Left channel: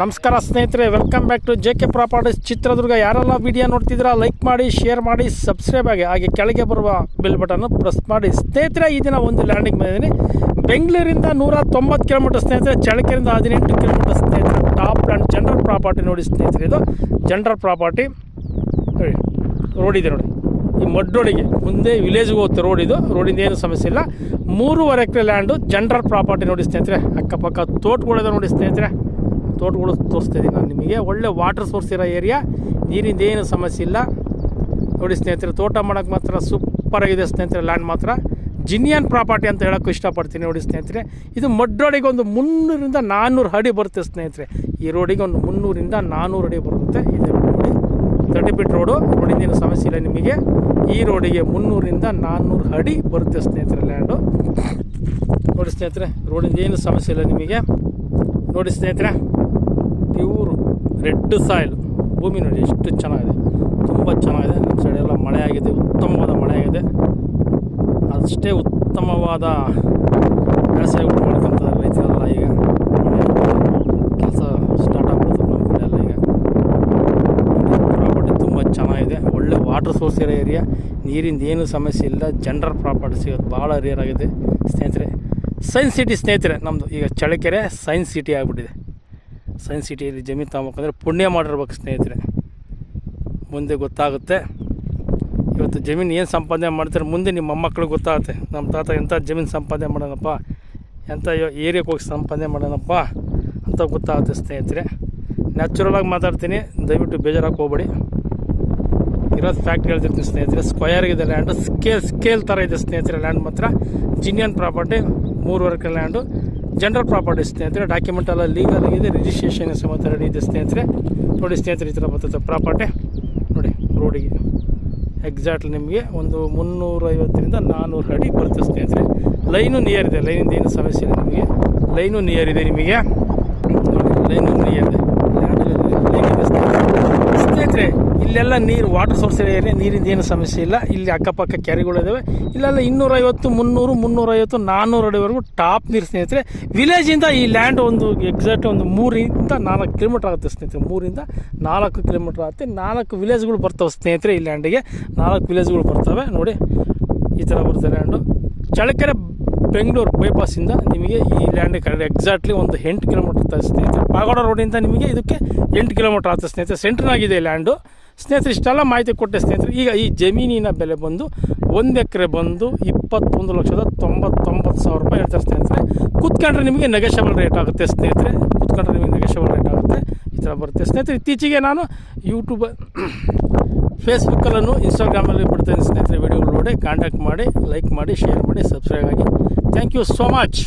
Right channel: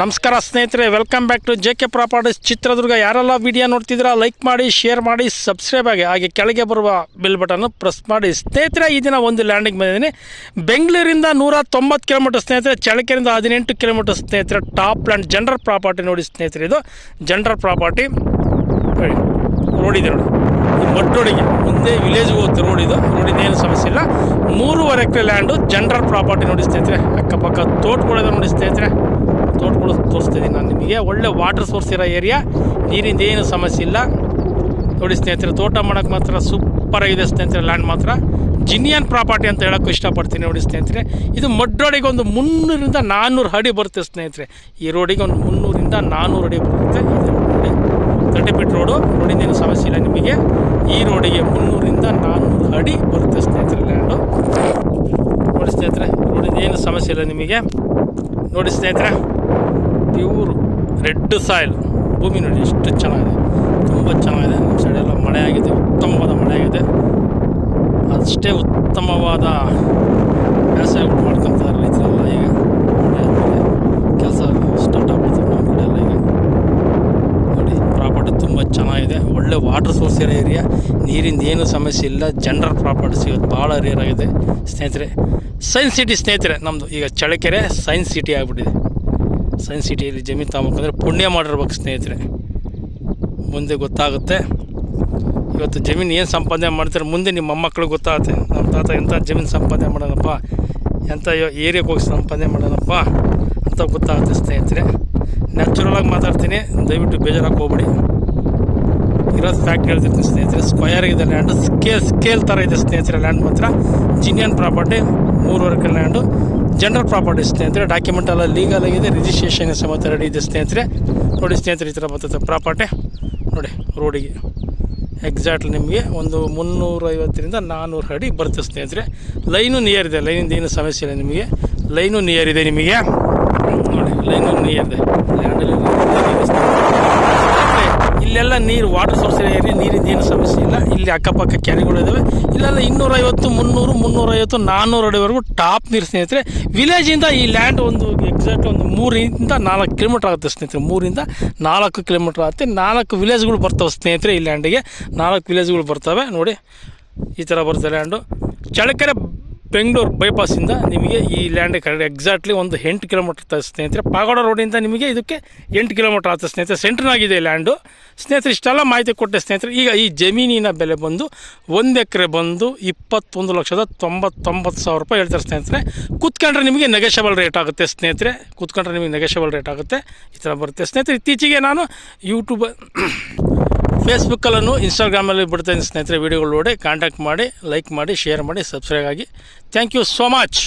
ನಮಸ್ಕಾರ ಸ್ನೇಹಿತರೆ, welcome back to JK properties Chitradurga. ಯಾರೆಲ್ಲ ವಿಡಿಯೋ ನೋಡ್ತಿದ್ದೀರಾ ಲೈಕ್ ಮಾಡಿ, ಶೇರ್ ಮಾಡಿ, ಸಬ್ಸ್ಕ್ರೈಬ್ ಆಗಿ, ಹಾಗೆ ಕೆಳಗೆ ಬರುವ ಬೆಲ್ ಬಟನ್ನು ಪ್ರೆಸ್ ಮಾಡಿ. ಸ್ನೇಹಿತರೆ, ಈ ದಿನ ಒಂದು ಲ್ಯಾಂಡಿಗೆ ಬಂದಿದ್ದೀನಿ. ಬೆಂಗಳೂರಿಂದ 190 ಕಿಲೋಮೀಟರ್ ಸ್ನೇಹಿತರೆ, ಚಳ್ಳಕೆರೆಯಿಂದ 18 ಕಿಲೋಮೀಟರ್ ಸ್ನೇಹಿತರೆ. ಟಾಪ್ ಲ್ಯಾಂಡ್ ಜನರಲ್ ಪ್ರಾಪರ್ಟಿ ನೋಡಿ ಸ್ನೇಹಿತರೆ, ಇದು ಜನರಲ್ ಪ್ರಾಪರ್ಟಿ ರೋಡ್ ಇದೆ ನೋಡಿ. ಈ ಮಡ್ ರೋಡಿಗೆ ಮುಂದೆ ವಿಲೇಜ್ಗೆ ಹೋಗುತ್ತೆ ರೋಡ್. ಇದು ರೋಡಿಂದ ಏನು ಸಮಸ್ಯೆ ಇಲ್ಲ. 3.5 ಎಕರೆ ಲ್ಯಾಂಡು ಜನರಲ್ ಪ್ರಾಪರ್ಟಿ ನೋಡಿ ಸ್ನೇಹಿತರೆ. ಅಕ್ಕಪಕ್ಕ ತೋಟಗಳಿದೆ ನೋಡಿ ಸ್ನೇಹಿತರೆ. ತೋಟಗಳು ತೋರಿಸ್ತಿದ್ದೀನಿ ನಾನು ನಿಮಗೆ. ಒಳ್ಳೆ ವಾಟರ್ ಸೋರ್ಸ್ ಇರೋ ಏರಿಯಾ, ನೀರಿಂದ ಏನು ಸಮಸ್ಯೆ ಇಲ್ಲ ನೋಡಿ ಸ್ನೇಹಿತರೆ. ತೋಟ ಮಾಡೋಕ್ಕೆ ಮಾತ್ರ ಸೂಪರಾಗಿದೆ ಸ್ನೇಹಿತರೆ. ಲ್ಯಾಂಡ್ ಮಾತ್ರ ಜಿನಿಯನ್ ಪ್ರಾಪರ್ಟಿ ಅಂತ ಹೇಳೋಕ್ಕೂ ಇಷ್ಟಪಡ್ತೀನಿ ನೋಡಿ ಸ್ನೇಹಿತರೆ. ಇದು ಮಡ್ ರೋಡಿಗೆ ಒಂದು 300ರಿಂದ 400 ಅಡಿ ಬರುತ್ತೆ ಸ್ನೇಹಿತರೆ. ಈ ರೋಡಿಗೆ ಒಂದು 300ರಿಂದ 400 ಅಡಿ ಬರುತ್ತೆ. ಇದು ನೋಡಿ 30 ಫೀಟ್ ರೋಡು, ರೋಡಿಂದ ಏನು ಸಮಸ್ಯೆ ಇಲ್ಲ ನಿಮಗೆ. ಈ ರೋಡಿಗೆ 300ರಿಂದ 400 ಅಡಿ ಬರುತ್ತೆ ಸ್ನೇಹಿತರೆ ಲ್ಯಾಂಡು ನೋಡಿ ಸ್ನೇಹಿತರೆ. ರೋಡಿಂದ ಏನು ಸಮಸ್ಯೆ ಇಲ್ಲ ನಿಮಗೆ ನೋಡಿ ಸ್ನೇಹಿತರೆ. ಪ್ಯೂರ್ ರೆಡ್ ಸಾಯಿಲ್ ಭೂಮಿ ನೋಡಿ ಎಷ್ಟು ಚೆನ್ನಾಗಿದೆ, ತುಂಬ ಚೆನ್ನಾಗಿದೆ. ನಮ್ಮ ಸೈಡೆಲ್ಲ ಮಳೆ ಆಗಿದೆ, ಉತ್ತಮವಾದ ಮಳೆ ಆಗಿದೆ. ಅಷ್ಟೇ ಉತ್ತಮವಾದ ಬೇಸಾಯ ಮಾಡ್ಕೊತಾರೆ ರೈತರೆಲ್ಲ. ಈಗ ಮಳೆ ಆದಮೇಲೆ ಕೆಲಸ ಸ್ಟಾರ್ಟ್ ಆಗ್ಬಿಡ್ತದೆ ನಮ್ಮ ಕಡೆ ಎಲ್ಲ. ಈಗ ನೋಡಿ ಪ್ರಾಪರ್ಟಿ ತುಂಬ ಚೆನ್ನಾಗಿದೆ. ಒಳ್ಳೆ ವಾಟರ್ ಸೋರ್ಸ್ ಇರೋ ಏರಿಯಾ, ನೀರಿಂದ ಏನು ಸಮಸ್ಯೆ ಇಲ್ಲ. ಜನರಲ್ ಪ್ರಾಪರ್ಟಿ ಸಿಗೋದು ಭಾಳ ರೇರ್ ಆಗಿದೆ ಸ್ನೇಹಿತರೆ. ಸೈನ್ಸ್ ಸಿಟಿ ಸ್ನೇಹಿತರೆ ನಮ್ಮದು. ಈಗ ಚಳ್ಳಕೆರೆ ಸೈನ್ಸ್ ಸಿಟಿ ಆಗಿಬಿಟ್ಟಿದೆ. ಸೈನ್ಸ್ ಸಿಟಿಯಲ್ಲಿ ಜಮೀನು ತಗೋಬೇಕಂದ್ರೆ ಪುಣ್ಯ ಮಾಡಿರ್ಬೇಕು ಸ್ನೇಹಿತರೆ, ಮುಂದೆ ಗೊತ್ತಾಗುತ್ತೆ. ಇವತ್ತು ಜಮೀನು ಏನು ಸಂಪಾದನೆ ಮಾಡ್ತಾರೆ ಮುಂದೆ ನಿಮ್ಮ ಮೊಮ್ಮಕ್ಕಳಿಗೆ ಗೊತ್ತಾಗುತ್ತೆ. ನಮ್ಮ ತಾತ ಎಂಥ ಜಮೀನು ಸಂಪಾದನೆ ಮಾಡೋಣಪ್ಪ, ಎಂಥ ಏರಿಯಾಕ್ಕೆ ಹೋಗಿ ಸಂಪಾದನೆ ಮಾಡೋಣಪ್ಪ ಅಂತ ಗೊತ್ತಾಗುತ್ತೆ ಸ್ನೇಹಿತರೆ. ನ್ಯಾಚುರಲಾಗಿ ಮಾತಾಡ್ತೀನಿ, ದಯವಿಟ್ಟು ಬೇಜಾರಾಗಿ ಹೋಗ್ಬೇಡಿ. ಇರೋದು ಫ್ಯಾಕ್ಟ್ ಹೇಳ್ತಿರ್ತೀನಿ ಸ್ನೇಹಿತರೆ. ಸ್ಕ್ವಯರ್ ಇದೆ ಲ್ಯಾಂಡು, ಸ್ಕೇಲ್ ಥರ ಇದೆ ಸ್ನೇಹಿತರೆ. ಲ್ಯಾಂಡ್ ಮಾತ್ರ ಜಿನಿಯನ್ ಪ್ರಾಪರ್ಟಿ, 3.5 ಎಕರೆ ಲ್ಯಾಂಡು ಜನರಲ್ ಪ್ರಾಪರ್ಟಿ ಸ್ನೇಹಿತರೆ. ಡಾಕ್ಯುಮೆಂಟ್ ಎಲ್ಲ ಲೀಗಲ್ ಆಗಿದೆ, ರಿಜಿಸ್ಟ್ರೇಷನ್ ಸಮೇತ ರೆಡಿ ಇದೆ ಸ್ನೇಹಿತರೆ. ನೋಡಿ ಸ್ನೇಹಿತರೆ, ಈ ಥರ ಬರ್ತದೆ ಪ್ರಾಪರ್ಟಿ ನೋಡಿ. ರೋಡಿಗೆ ಎಕ್ಸಾಕ್ಟ್ಲಿ ನಿಮಗೆ ಒಂದು 350ರಿಂದ 400 ಅಡಿ ಬರುತ್ತೆ ಸ್ನೇಹಿತರೆ. ಲೈನು ನಿಯರ್ ಇದೆ, ಲೈನಿಂದ ಏನು ಸಮಸ್ಯೆ ಇಲ್ಲ ನಿಮಗೆ. ಲೈನು ನಿಯರ್ ಇದೆ ನಿಮಗೆ ನೋಡಿ, ಲೈನು ನಿಯರ್ ಇದೆ. ಲ್ಯಾಂಡಲ್ಲಿ ಲೈನ್ ಇದೆ ಸ್ನೇಹಿತರೆ. ಇಲ್ಲೆಲ್ಲ ನೀರು ವಾಟರ್ ಸೋರ್ಸ್ ಏರಿಯಾ, ನೀರಿಂದ ಏನು ಸಮಸ್ಯೆ ಇಲ್ಲ. ಇಲ್ಲಿ ಅಕ್ಕಪಕ್ಕ ಕೆರೆಗಳಿದ್ದಾವೆ. ಇಲ್ಲೆಲ್ಲ 250, 300, 350, 400 ಅಡಿವರೆಗೂ ಟಾಪ್ ನೀರು ಸ್ನೇಹಿತರೆ. ವಿಲೇಜಿಂದ ಈ ಲ್ಯಾಂಡ್ ಒಂದು ಎಕ್ಸಾಕ್ಟ್ ಒಂದು 3ರಿಂದ 4 ಕಿಲೋಮೀಟ್ರ್ ಆಗುತ್ತೆ ಸ್ನೇಹಿತರೆ. 3ರಿಂದ 4 ಕಿಲೋಮೀಟ್ರ್ ಆಗುತ್ತೆ. 4 ವಿಲೇಜ್ಗಳು ಬರ್ತವೆ ಸ್ನೇಹಿತರೆ. ಈ ಲ್ಯಾಂಡಿಗೆ 4 ವಿಲೇಜ್ಗಳು ಬರ್ತವೆ ನೋಡಿ. ಈ ಥರ ಬರುತ್ತೆ ಲ್ಯಾಂಡು. ಚಳ್ಳಕೆರೆ ಬೆಂಗಳೂರು ಬೈಪಾಸಿಂದ ನಿಮಗೆ ಈ ಲ್ಯಾಂಡ್ ಕರೆಕ್ಟ್ ಎಕ್ಸಾಕ್ಟ್ಲಿ ಒಂದು 8 ಕಿಲೋಮೀಟ್ರ್ ಇರ್ತದೆ ಸ್ನೇಹಿತರೆ. ಪಾಗೋಡ ರೋಡಿಂದ ನಿಮಗೆ ಇದಕ್ಕೆ 8 ಕಿಲೋಮೀಟ್ರ್ ಆಗ್ತದೆ ಸ್ನೇಹಿತರೆ. ಸೆಂಟ್ರ್ನಾಗಿದೆ ಲ್ಯಾಂಡು ಸ್ನೇಹಿತರೆ. ಇಷ್ಟೆಲ್ಲ ಮಾಹಿತಿ ಕೊಟ್ಟೆ ಸ್ನೇಹಿತರೆ. ಈಗ ಈ ಜಮೀನಿನ ಬೆಲೆ ಬಂದು 1 ಎಕರೆ ಬಂದು 21,99,000 ರೂಪಾಯಿ ಹೇಳ್ತಾರೆ ಸ್ನೇಹಿತರೆ. ಕೂತ್ಕೊಂಡ್ರೆ ನಿಮಗೆ ನೆಗೋಷಿಯಬಲ್ ರೇಟ್ ಆಗುತ್ತೆ ಸ್ನೇಹಿತರೆ. ಕೂತ್ಕೊಂಡ್ರೆ ನಿಮಗೆ ನೆಗೋಷಿಯಬಲ್ ರೇಟ್ ಆಗುತ್ತೆ. ಈ ಥರ ಬರುತ್ತೆ ಸ್ನೇಹಿತರೆ. ಇತ್ತೀಚೆಗೆ ನಾನು ಯೂಟ್ಯೂಬ್, ಫೇಸ್ಬುಕ್ಕಲ್ಲೂ ಇನ್ಸ್ಟಾಗ್ರಾಮಲ್ಲಿ ಬಿಡ್ತಾಯಿದ್ದೀನಿ ಸ್ನೇಹಿತರೆ. ವೀಡಿಯೋಗಳು ನೋಡಿ ಕಾಂಟ್ಯಾಕ್ಟ್ ಮಾಡಿ, ಲೈಕ್ ಮಾಡಿ, ಶೇರ್ ಮಾಡಿ, ಸಬ್ಸ್ಕ್ರೈಬ್ ಆಗಿ. Thank you so much.